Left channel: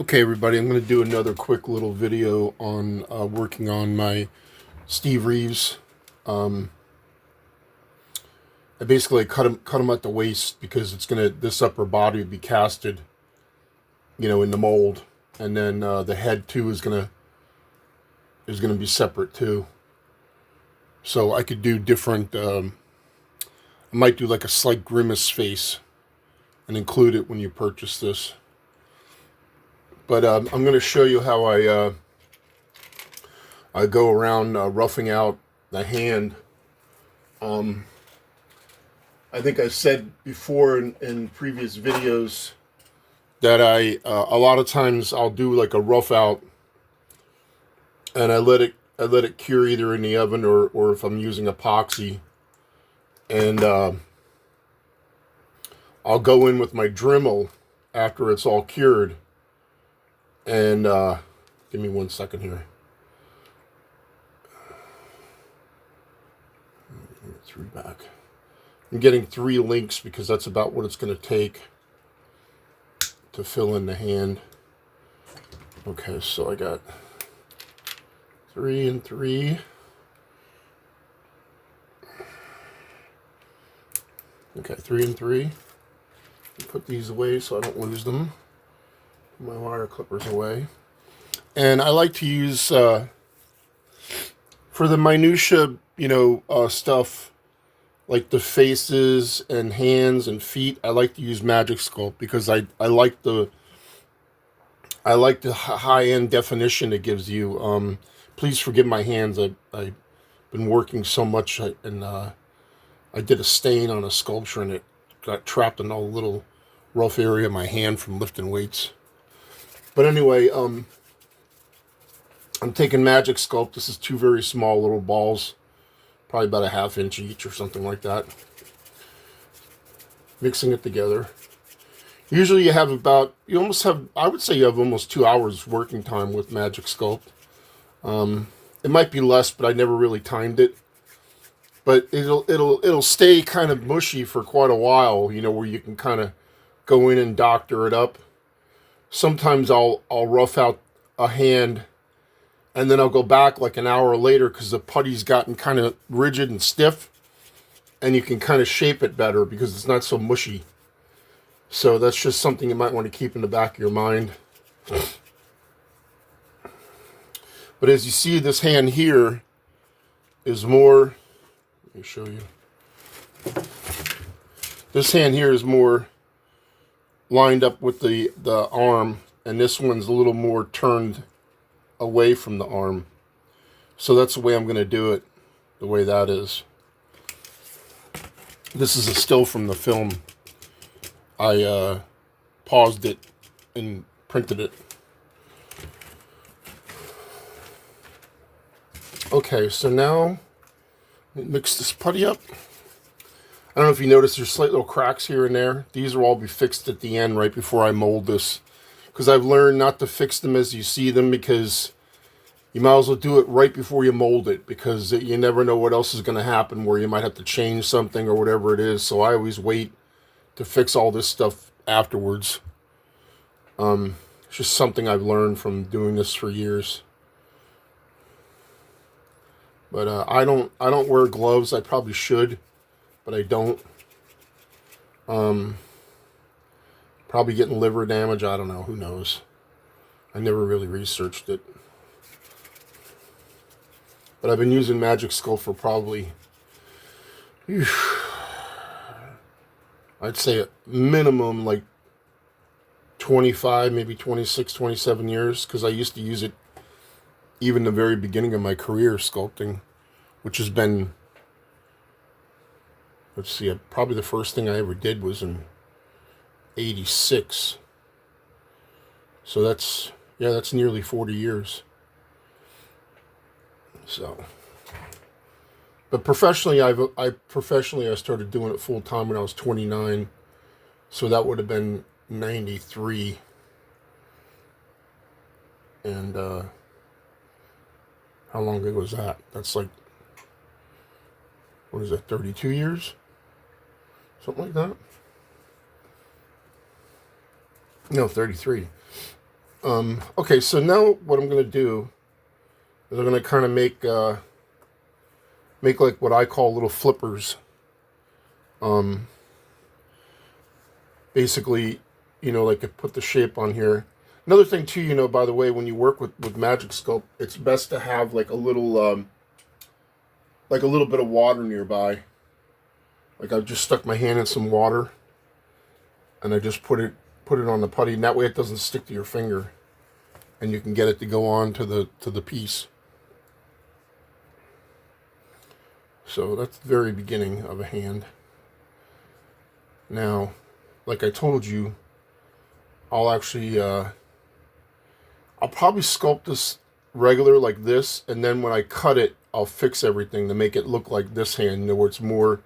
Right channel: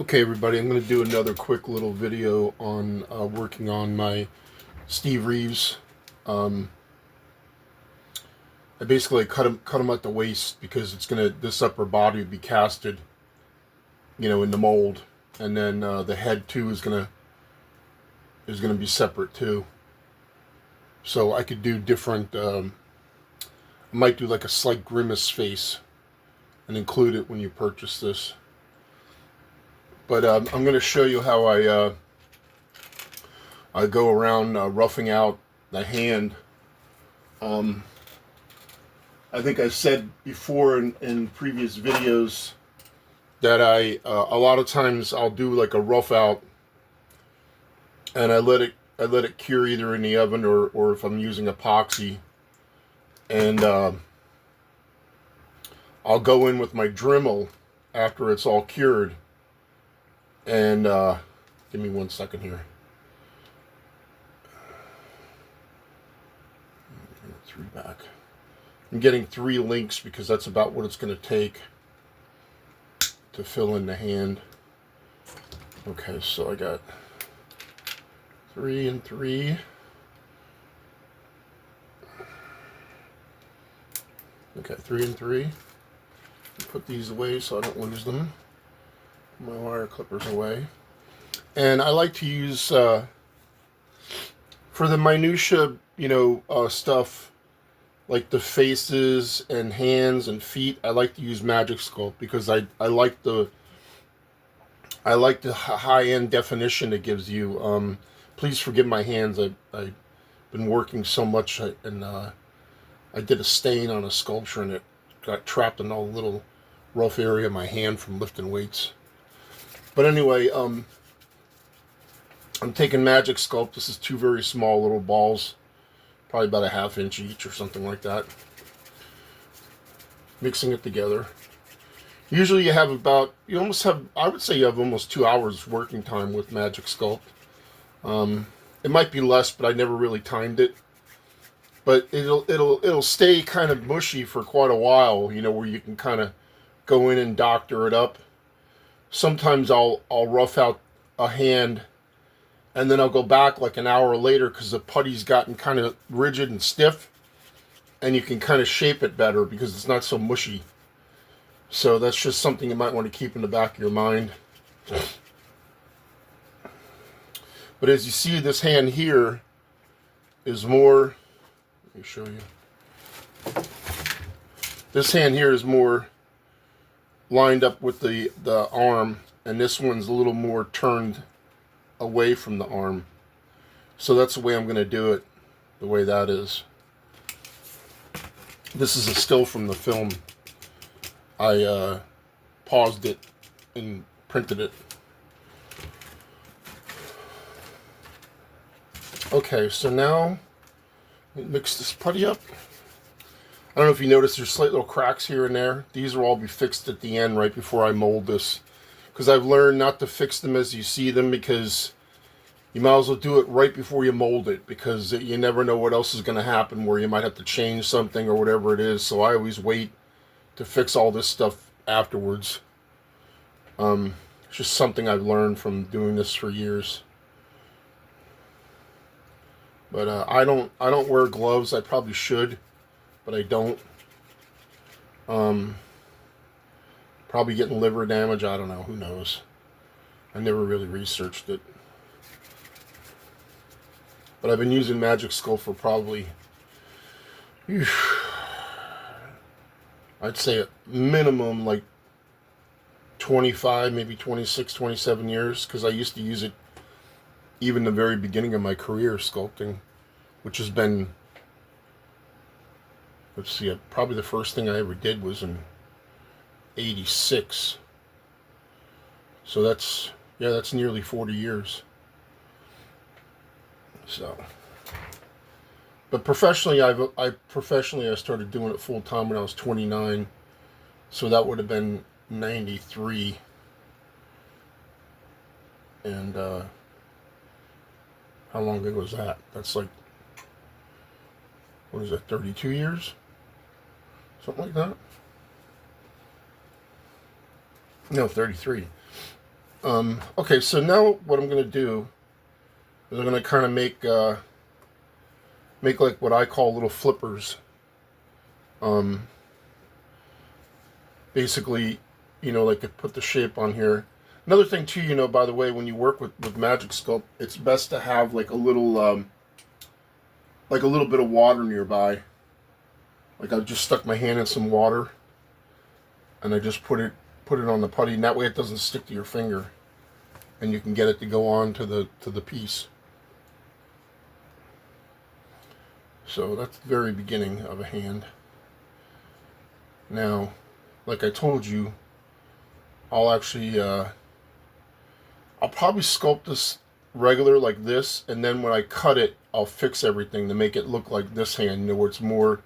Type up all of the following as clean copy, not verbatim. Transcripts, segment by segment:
Okay, everybody, I'm going to do another quick little video on working on my Steve Reeves. Um, I basically cut him at the waist because this upper body would be casted, in the mold, and then the head too is gonna be separate too. So I could do different. I might do like a slight grimace face and include it when you purchase this. But I'm going to show you how I go around roughing out the hand. I think I said before in previous videos that a lot of times I'll do like a rough out, and I let it cure either in the oven or if I'm using epoxy, and I'll go in with my Dremel after it's all cured. And give me 1 second here. Three back. I'm getting 3 links because that's about what it's going to take to fill in the hand. Okay, so I got 3 and 3. Okay, 3 and 3. Put these away so I don't lose them. Put my wire clippers away. And I like to use, for the minutia, stuff, like the faces and hands and feet, I like to use Magic Sculpt because I like the high-end definition it gives you. Please forgive my hands. I've been working so much, and I did a stain on a sculpture, and it got trapped in a little rough area of my hand from lifting weights. But anyway, I'm taking Magic Sculpt. This is 2 very small little balls, probably about a ½ inch each or something like that. Mixing it together. Usually I would say you have almost 2 hours working time with Magic Sculpt. It might be less, but I never really timed it. But it'll stay kind of mushy for quite a while, where you can kind of go in and doctor it up. Sometimes I'll rough out a hand, and then I'll go back like an hour later because the putty's gotten kind of rigid and stiff, and you can kind of shape it better because it's not so mushy. So that's just something you might want to keep in the back of your mind. But as you see, this hand here is more, let me show you. This hand here is more lined up with the arm, and this one's a little more turned away from the arm. So that's the way I'm going to do it, the way that is. This is a still from the film. I paused it and printed it. Okay, so now mix this putty up. I don't know if you notice there's slight little cracks here and there. These will all be fixed at the end right before I mold this, because I've learned not to fix them as you see them, because you might as well do it right before you mold it, because you never know what else is going to happen where you might have to change something or whatever it is. So I always wait to fix all this stuff afterwards. It's just something I've learned from doing this for years. But I don't wear gloves. I probably should, but I don't. Probably getting liver damage. I don't know. Who knows? I never really researched it. But I've been using Magic Sculpt for probably, I'd say at minimum like 25, maybe 26, 27 years, because I used to use it even the very beginning of my career sculpting, which has been, let's see, probably the first thing I ever did was in 86. So that's nearly 40 years. So, but professionally, I started doing it full time when I was 29. So that would have been 93. And how long ago was that? That's like, what is that, 32 years? Something like that? No, 33. Okay, so now what I'm going to do is I'm going to kind of make like what I call little flippers. Um, Basically, like I put the shape on here. Another thing too, by the way, when you work with Magic Sculpt, it's best to have like a little bit of water nearby. Like I just stuck my hand in some water, and I just put it on the putty, and that way it doesn't stick to your finger, and you can get it to go on to the piece. So that's the very beginning of a hand. Now, like I told you, I'll actually I'll probably sculpt this regular like this, and then when I cut it, I'll fix everything to make it look like this hand, where it's more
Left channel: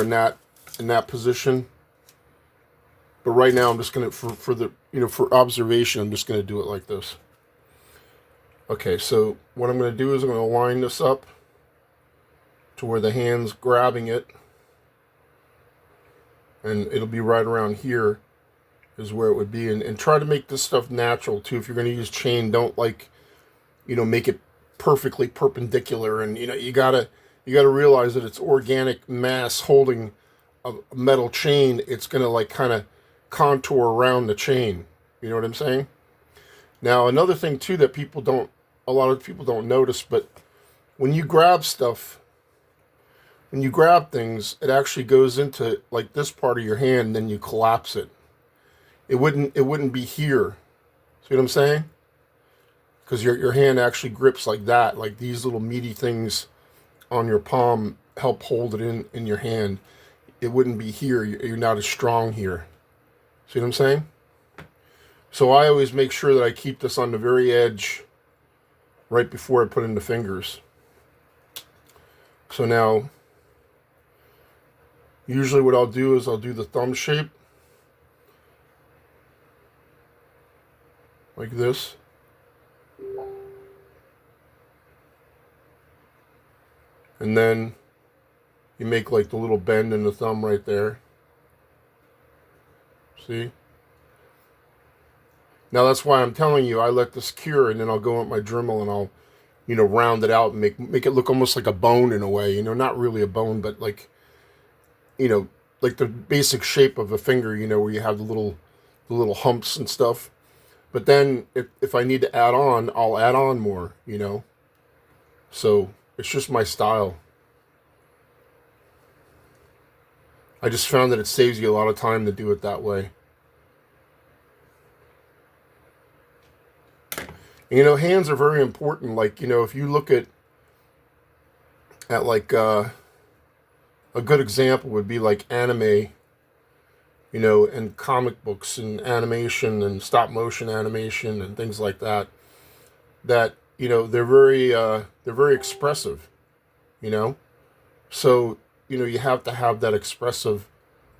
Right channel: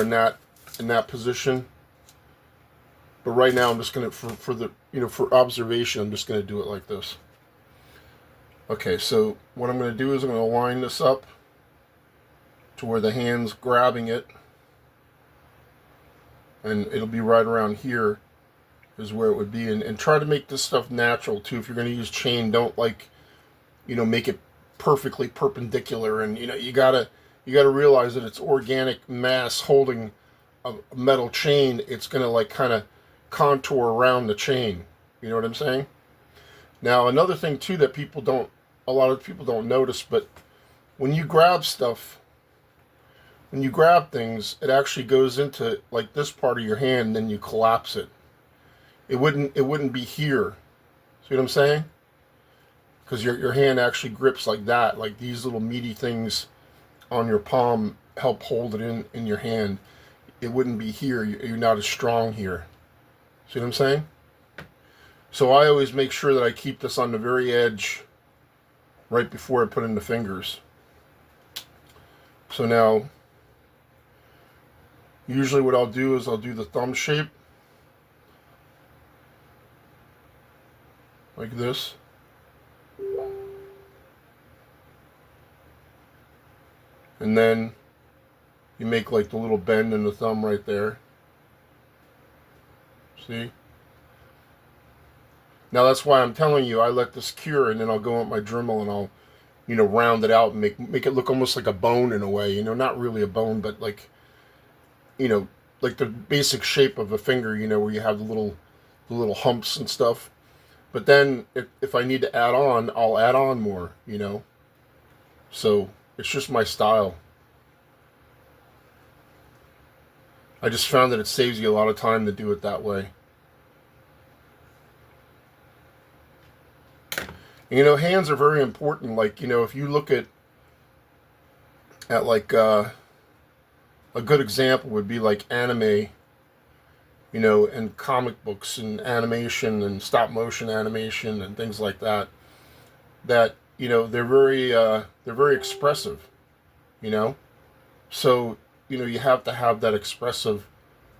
in that position. But right now, I'm just gonna for the for observation, I'm just gonna do it like this. Okay, so what I'm gonna do is I'm gonna line this up to where the hand's grabbing it, and it'll be right around here is where it would be, and try to make this stuff natural too. If you're going to use chain, don't make it perfectly perpendicular, and you gotta realize that it's organic mass holding a metal chain. It's going to like kind of contour around the chain. You know what I'm saying? Now another thing too that a lot of people don't notice, but when you grab stuff, when you grab things, it actually goes into like this part of your hand, and then you collapse it. It wouldn't be here. See what I'm saying? Because your hand actually grips like that, like these little meaty things on your palm help hold it in your hand. It wouldn't be here. You're not as strong here. See what I'm saying? So I always make sure that I keep this on the very edge right before I put in the fingers. So now, usually what I'll do is I'll do the thumb shape like this. And then you make like the little bend in the thumb right there. See? Now that's why I'm telling you, I let this cure, and then I'll go with my Dremel and I'll, round it out and make it look almost like a bone in a way. Not really a bone, but you know, like the basic shape of a finger. Where you have the little humps and stuff. But then if I need to add on, I'll add on more. So it's just my style. I just found that it saves you a lot of time to do it that way. Hands are very important. Like, if you look at like a good example would be like anime, and comic books and animation and stop motion animation and things like that. That they're very expressive. So you have to have that expressive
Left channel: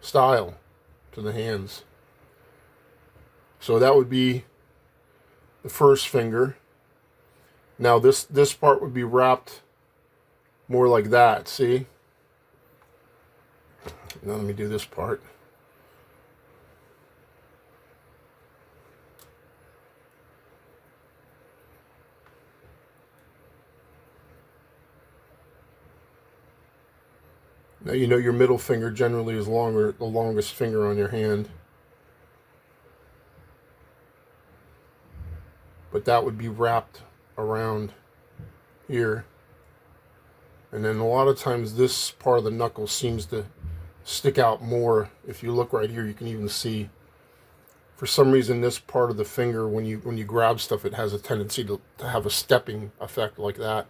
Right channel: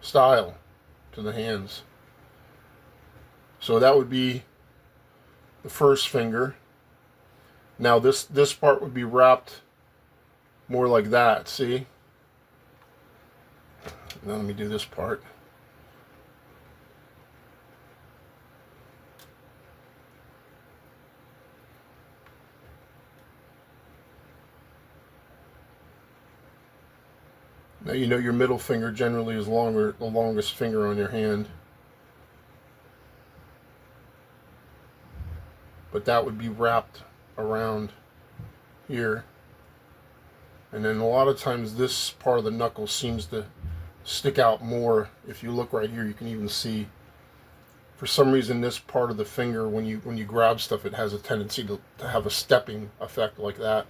style to the hands. So that would be the first finger. Now this part would be wrapped more like that, see? Now let me do this part. Now your middle finger generally is the longest finger on your hand. But that would be wrapped around here. And then a lot of times this part of the knuckle seems to stick out more. If you look right here, you can even see, for some reason, this part of the finger, when you grab stuff, it has a tendency to have a stepping effect like that.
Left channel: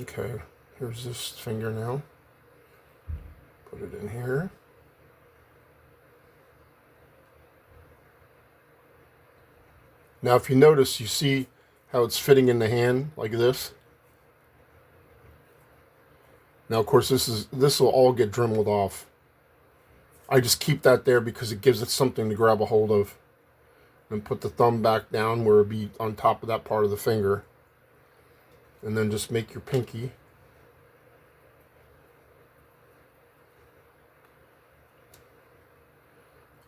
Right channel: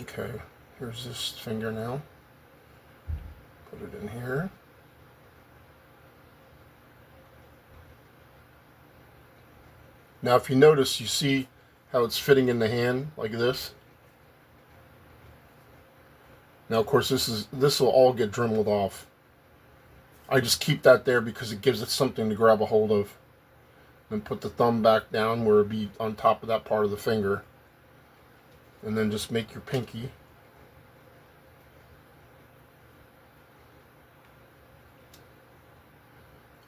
Okay, here's this finger now. Put it in here. Now if you notice, you see how it's fitting in the hand like this. Now of course this will all get dremeled off. I just keep that there because it gives it something to grab a hold of. And put the thumb back down where it'd be on top of that part of the finger. And then just make your pinky.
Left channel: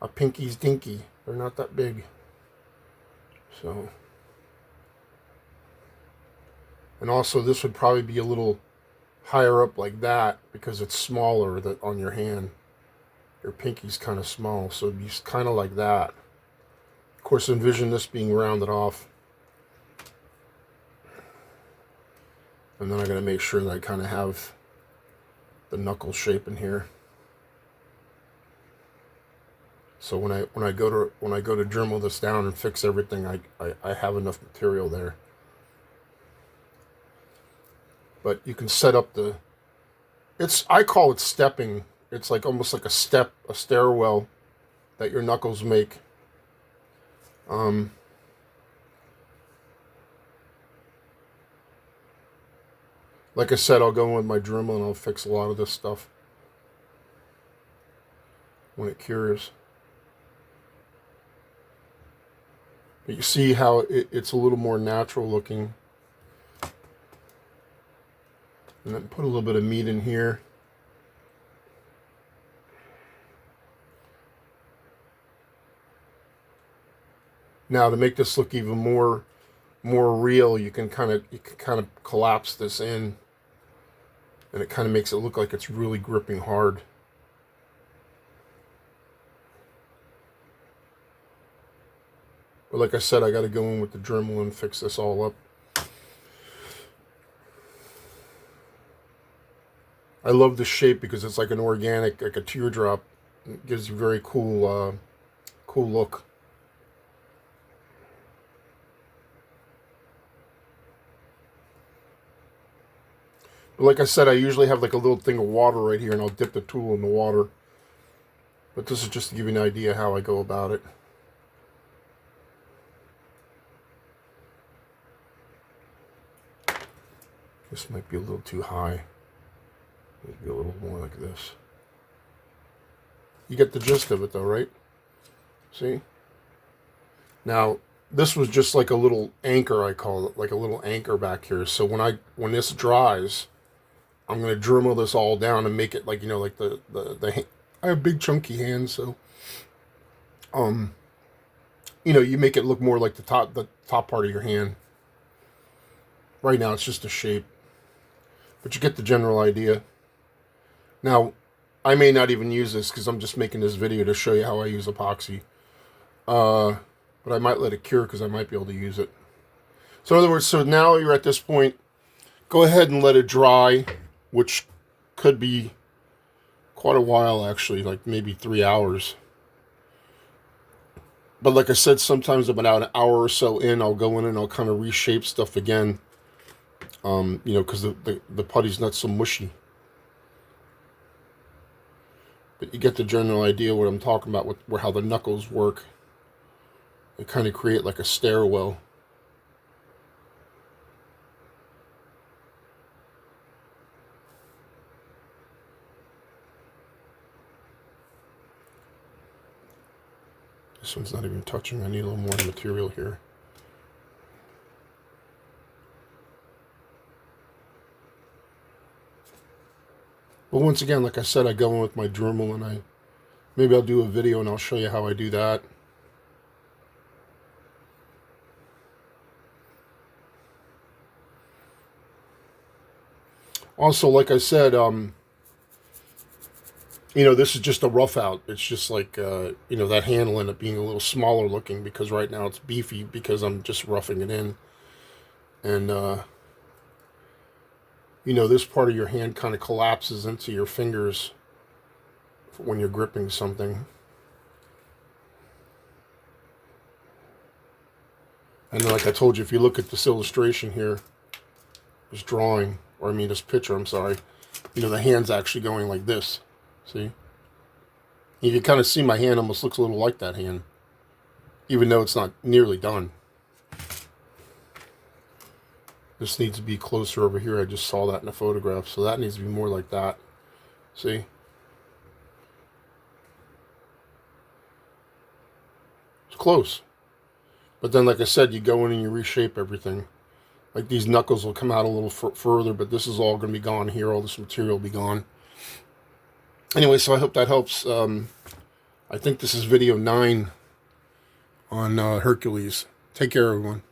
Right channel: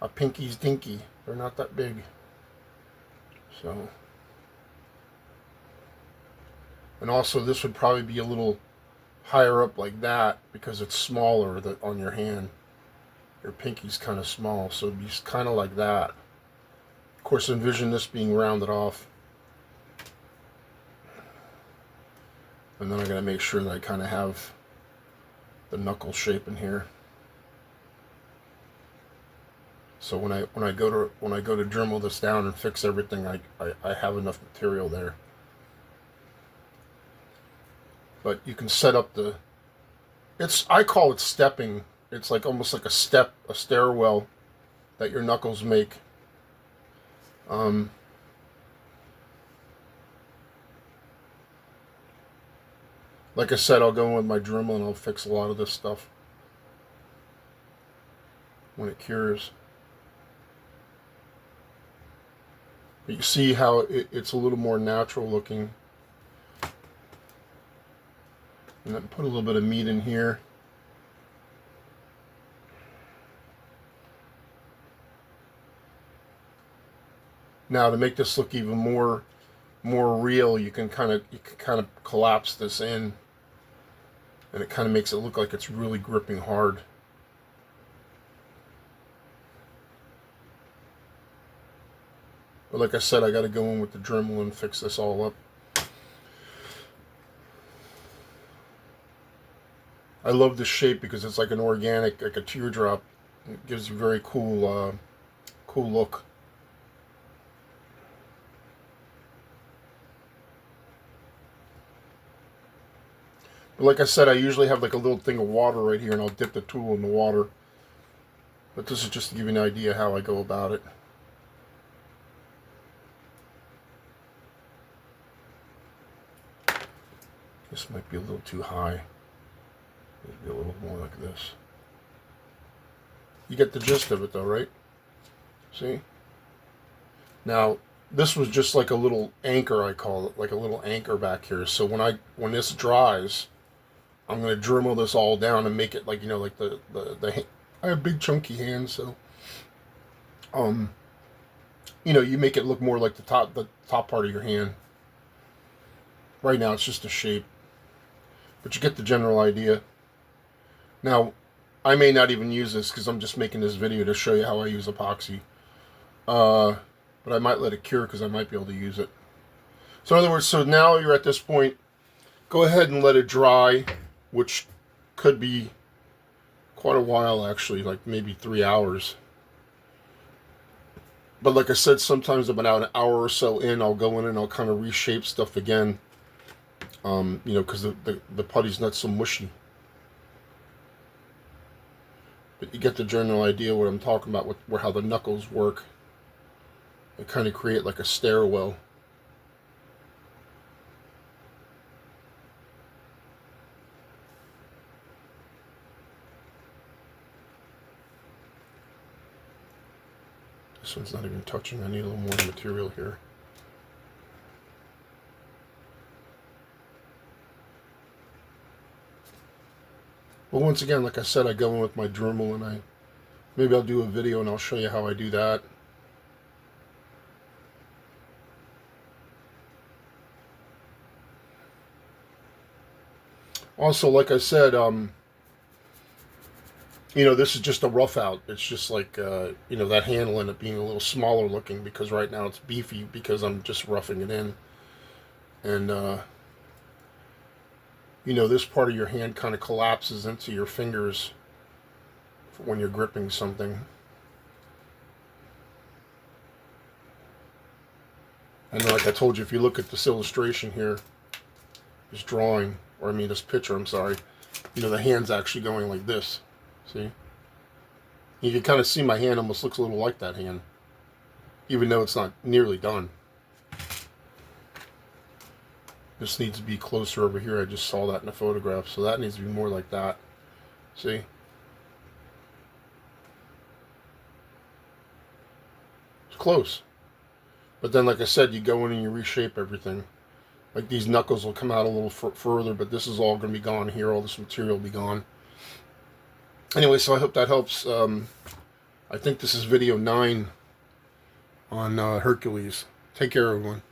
A pinky's dinky. They're not that big. So. And also this would probably be a little higher up like that because it's smaller on your hand. Your pinky's kind of small, so it'd be kind of like that. Of course, envision this being rounded off. And then I gotta make sure that I kind of have the knuckle shape in here. So when I go to Dremel this down and fix everything, I have enough material there. But you can set up I call it stepping. It's like almost like a stairwell that your knuckles make. Like I said, I'll go in with my Dremel and I'll fix a lot of this stuff when it cures. But you see how it's a little more natural looking. And then put a little bit of meat in here. Now to make this look even more real, you can kind of collapse this in, and it kind of makes it look like it's really gripping hard. But like I said, I got to go in with the Dremel and fix this all up. I love the shape because it's like an organic, like a teardrop. It gives a very cool look. But like I said, I usually have like a little thing of water right here, and I'll dip the tool in the water. But this is just to give you an idea how I go about it. This might be a little too high. Maybe a little more like this. You get the gist of it though, right? See? Now, this was just like a little anchor, I call it, like a little anchor back here. So when this dries, I'm going to Dremel this all down and make it like, you know, like the I have big chunky hands, so you know, you make it look more like the top part of your hand. Right now it's just a shape, but you get the general idea. Now, I may not even use this because I'm just making this video to show you how I use epoxy. But I might let it cure because I might be able to use it. So in other words, so now you're at this point, go ahead and let it dry, which could be quite a while actually, like maybe 3 hours. But like I said, sometimes about an hour or so in, I'll go in and I'll kind of reshape stuff again. You know, because the putty's not so mushy. But you get the general idea what I'm talking about with how the knuckles work. They kind of create like a stairwell. This one's not even touching. I need a little more material here. But once again, like I said, I go in with my Dremel and maybe I'll do a video and I'll show you how I do that. Also, like I said, you know, this is just a rough out. It's just like, you know, that hand will end up being a little smaller looking because right now it's beefy because I'm just roughing it in. And, you know, this part of your hand kind of collapses into your fingers when you're gripping something. And then, like I told you, if you look at this illustration here, this drawing, or I mean this picture, I'm sorry, you know, the hand's actually going like this. See? You can kind of see my hand almost looks a little like that hand, even though it's not nearly done. This needs to be closer over here. I just saw that in a photograph, so that needs to be more like that. See? It's close. But then, like I said, you go in and you reshape everything. Like these knuckles will come out a little further, but this is all going to be gone here. All this material will be gone. Anyway, so I hope that helps. I think this is video 9 on Hercules. Take care, everyone.